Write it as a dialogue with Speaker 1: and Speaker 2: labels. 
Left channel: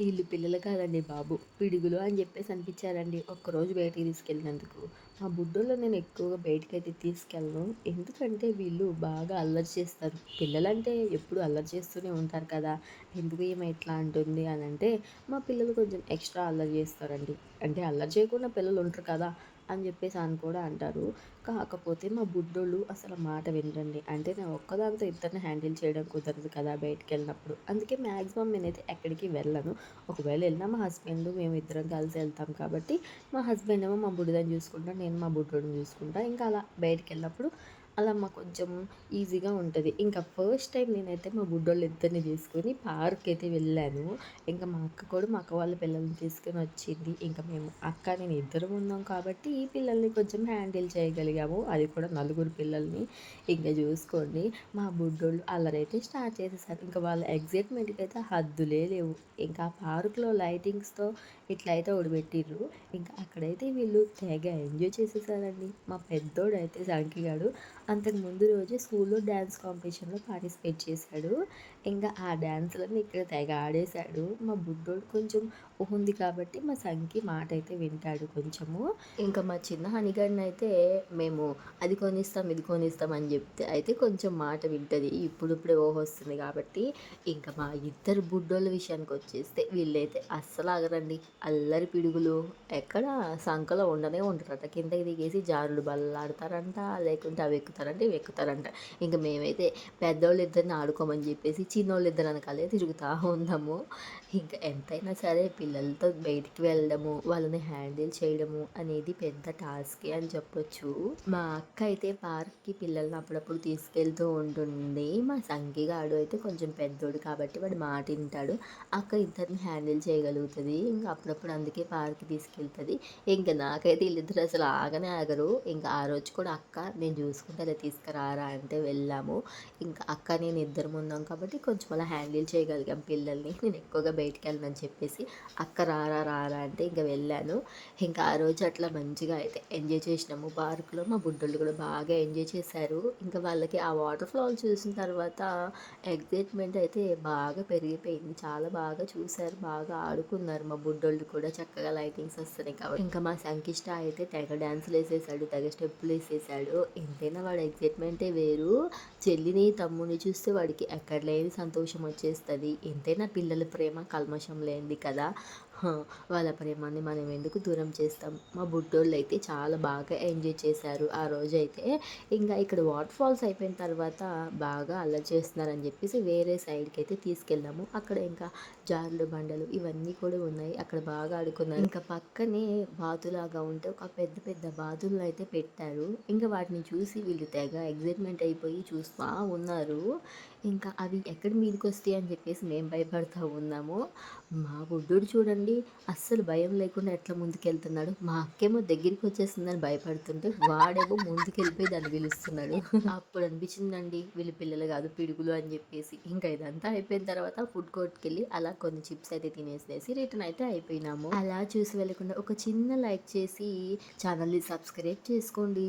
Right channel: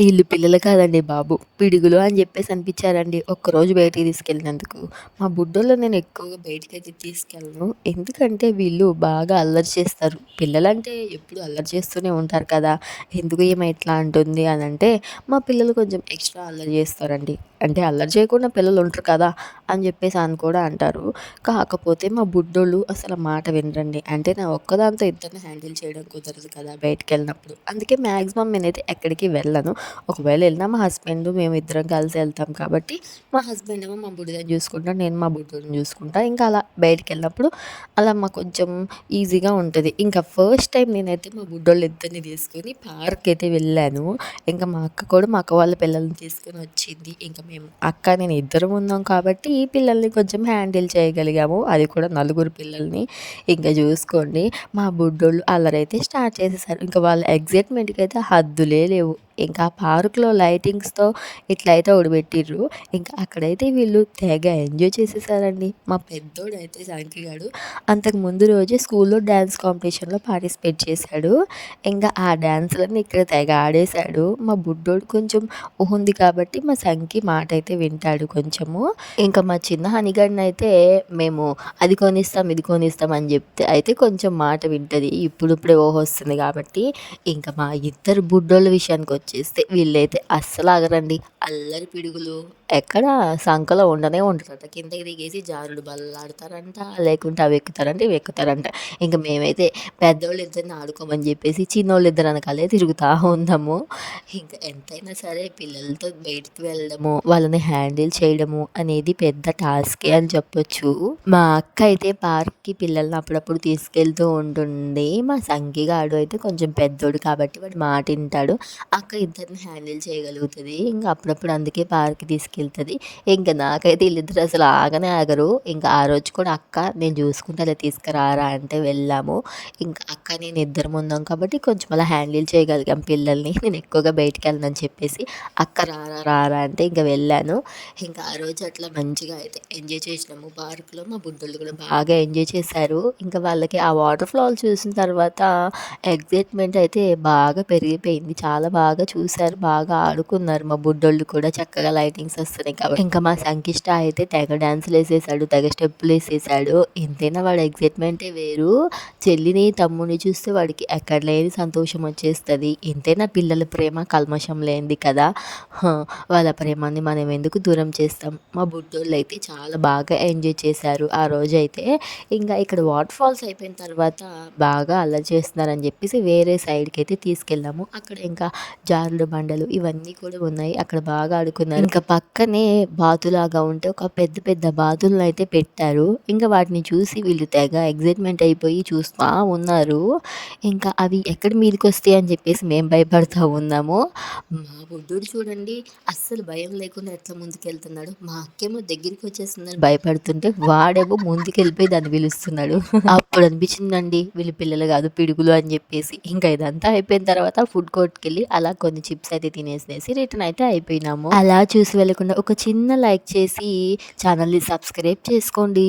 Speaker 1: వీళ్ళు పిల్లలు కాదండి బాబు. పిడుగులు అని చెప్పేసి అనిపించారండి ఒక్కరోజు బయటికి తీసుకెళ్ళినందుకు. మా బుడ్డోళ్ళు నేను ఎక్కువగా బయటికైతే తీసుకెళ్ళను. ఎందుకంటే వీళ్ళు బాగా అల్లరి చేస్తారు. పిల్లలంటే ఎప్పుడు అల్లరి చేస్తూనే ఉంటారు కదా! ఎందుకు ఏమైనా ఇట్లా అంటుంది అనంటే, మా పిల్లలు కొంచెం ఎక్స్ట్రా అల్లరి చేస్తారండి. అంటే అల్లరి చేయకుండా పిల్లలు ఉంటారు కదా! అని చెప్పేసి అని కూడా అంటారు. కాకపోతే మా బుడ్డోళ్ళు అసలు మాట వినరండి. అంటే నా ఒక్కదాంతో ఇద్దరిని హ్యాండిల్ చేయడం కుదరదు కదా! బయటికెళ్ళినప్పుడు. అందుకే మ్యాక్సిమం నేనైతే ఎక్కడికి వెళ్ళను. ఒకవేళ వెళ్ళినా మా హస్బెండ్ మేము ఇద్దరం కలిసి వెళ్తాం కాబట్టి మా హస్బెండ్ ఏమో మా బుడ్డిదని చూసుకుంటా నేను మా బుడ్డోడిని చూసుకుంటా ఇంకా అలా బయటికి వెళ్ళినప్పుడు అలా మాకు కొంచెం ఈజీగా ఉంటుంది ఇంకా ఫస్ట్ టైం నేనైతే మా బుడ్డోళ్ళు ఇద్దరిని తీసుకొని పార్క్ అయితే వెళ్ళాను ఇంకా మా అక్క కూడా మా అక్క వాళ్ళ పిల్లల్ని తీసుకొని వచ్చింది ఇంకా మేము అక్క నేను ఇద్దరం ఉన్నాం కాబట్టి ఈ పిల్లల్ని కొంచెం హ్యాండిల్ చేయగలిగాము. అది కూడా నలుగురు పిల్లల్ని. ఇంకా చూసుకోండి మా బుడ్డోళ్ళు అల్లరైతే స్టార్ట్ చేసేసారు. ఇంకా వాళ్ళ ఎగ్జైట్మెంట్కి అయితే హద్దులే లేవు. ఇంకా పార్క్లో లైటింగ్స్తో ఇట్లయితే ఒకటి పెట్టిర్రు ఇంకా అక్కడైతే వీళ్ళు తెగ ఎంజాయ్ చేసేసారండి. మా పెద్దోడు అయితే సంకిగాడు అంతకు ముందు రోజే స్కూల్లో డ్యాన్స్ కాంపిటీషన్లో పార్టిసిపేట్ చేశాడు. ఇంకా ఆ డ్యాన్స్లన్నీ ఇక్కడ తెగ ఆడేశాడు. మా బుడ్డోడు కొంచెం ఉంది కాబట్టి మా సంకి మాట అయితే వింటాడు కొంచెము. ఇంకా మా చిన్న హనిగడిని అయితే మేము అది కొనిస్తాం ఇది కొనిస్తాం అని చెప్తే అయితే కొంచెం మాట వింటుంది. ఇప్పుడిప్పుడే ఓహో వస్తుంది కాబట్టి ఇంకా మా ఇద్దరు బుడ్డోళ్ళ విషయానికి వచ్చేస్తే వీళ్ళైతే అస్సలు ఆగరండి. అల్లరి పిడుగులు ఎక్కడ సంకలో ఉండనే ఉంటారంట కిందకి దిగేసి జారుడు బల్లాడతారంట లేకుంటే అవి ఎక్కుతారంటే ఇవి ఎక్కుతారంట. ఇంకా మేమైతే పెద్దోళ్ళు ఇద్దరిని ఆడుకోమని చెప్పేసి చిన్నోళ్ళు ఇద్దరు అనకాలే తిరుగుతూ ఉందాము ఇంకా ఎంతైనా సరే పిల్లలతో బయటికి వెళ్ళడము వాళ్ళని హ్యాండిల్ చేయడము అనేది పెద్ద టాస్కే అని చెప్పొచ్చు. మా అక్క అయితే పార్క్కి పిల్లల్ని అప్పుడప్పుడు తీసుకెళ్తూ ఉంటుంది. మా సంఘిగాడు అయితే కొంచెం పెద్దోడు కాబట్టి వాడు మాట వింటాడు. అక్క ఇద్దరిని హ్యాండిల్ చేయగలుగుతుంది. ఇంకా అప్పుడప్పుడు అందుకే పార్క్కి తీసుకెళ్తుంది. ఇంకా నాకైతే వీళ్ళిద్దరు అసలు ఆగనే ఆగరు. ఇంకా ఆ రోజు కూడా అక్క నేను చూసుకుంటే అలా తీసుకురారా అంటే వెళ్ళాము. ఇంకా అక్క నేను ఇద్దరం ఉన్నాం కాబట్టి కొంచెం అలా హ్యాండిల్ చేయగలిగాం పిల్లల్ని. నేను ఎక్కువగా బయటికి వెళ్ళనని చెప్పేసి అక్క రారా రారా అంటే ఇంకా వెళ్ళాను. ఇంకా ఆ రోజు అట్లా మంచిగా అయితే ఎంజాయ్ చేసినాము. పార్క్లో మా బుడ్డోళ్ళు కూడా బాగా ఎంజాయ్ చేశారు. ఇంకా వాళ్ళకి ఆ వాటర్ ఫాల్ చూసిన తర్వాత ఎగ్జైట్మెంట్ అయితే బాగా పెరిగిపోయింది. చాలా బాగా చూశారు. బాగా ఆడుకున్నారు మా బుడ్డోళ్ళు కూడా. చక్కగా లైటింగ్స్ వస్తున్నాయి కాబట్టి. ఇంకా మా సంకిష్ట అయితే తెగ డ్యాన్సులు వేసేసాడు. తెగ స్టెప్పులు వేసేసాడు. ఎంతైనా వాడు ఎగ్జైట్మెంటే వేరు. చెల్లిని తమ్ముని చూస్తే వాడికి ఎక్కడ లేని సంతోషం వచ్చేస్తుంది. ఎంతైనా పిల్లల ప్రేమ కల్మషం లేనిది కదా. వాళ్ళ ప్రేమాన్ని మనం ఎందుకు దూరం చేస్తాం? మా బుడ్డోళ్ళు అయితే చాలా బాగా ఎంజాయ్ చేశారు ఆ రోజు అయితే ఇంకా ఇక్కడ వాటర్ ఫాల్స్ అయిపోయిన తర్వాత బాగా అల్లరి చేస్తున్నారని చెప్పేసి వేరే సైడ్కి అయితే తీసుకెళ్ళాము. అక్కడ ఇంకా జారుడు బండలు ఇవన్నీ కూడా ఉన్నాయి. అక్కడ బాగా ఆడుకున్నారు. ఇంకా పక్కనే బాతులాగా ఉంటే ఒక పెద్ద పెద్ద బాతులను అయితే పెట్టారు. ఇంకా వాటిని చూసి వీళ్ళు తెగ ఎగ్జైట్మెంట్ అయిపోయి చూస్తూ ఉన్నారు. ఇంకా అవి ఎక్కడ మీదకి వస్తాయి అని చెప్పేసి మేము భయపడతా ఉన్నాము. మా బుడ్డుడు చూడండి అస్సలు భయం లేకుండా ఎట్లా ముందుకెళ్తున్నాడు? మా అక్కేమో దగ్గరికి వచ్చేస్తుందని భయపడుతుంటే వాడేమో ముందుకెళ్ళిపోయి దాన్ని పిలుస్తున్నాడు. అప్పుడు అనిపించిందండి వీళ్ళు పిల్లలు కాదు పిడుగులు అని చెప్పేసి. ఇంకా ఇదంతా అయిపోయిన తర్వాత ఫుడ్ కోర్ట్కి వెళ్ళి అలా కొన్ని చిప్స్ అయితే తినేసేసి రిటర్న్ అయితే అయిపోయినాము. అలా చూసి వెళ్ళకుండా ఒక చిన్న లైక్ చేసి ఛానల్ని సబ్స్క్రైబ్ చేసుకోండి.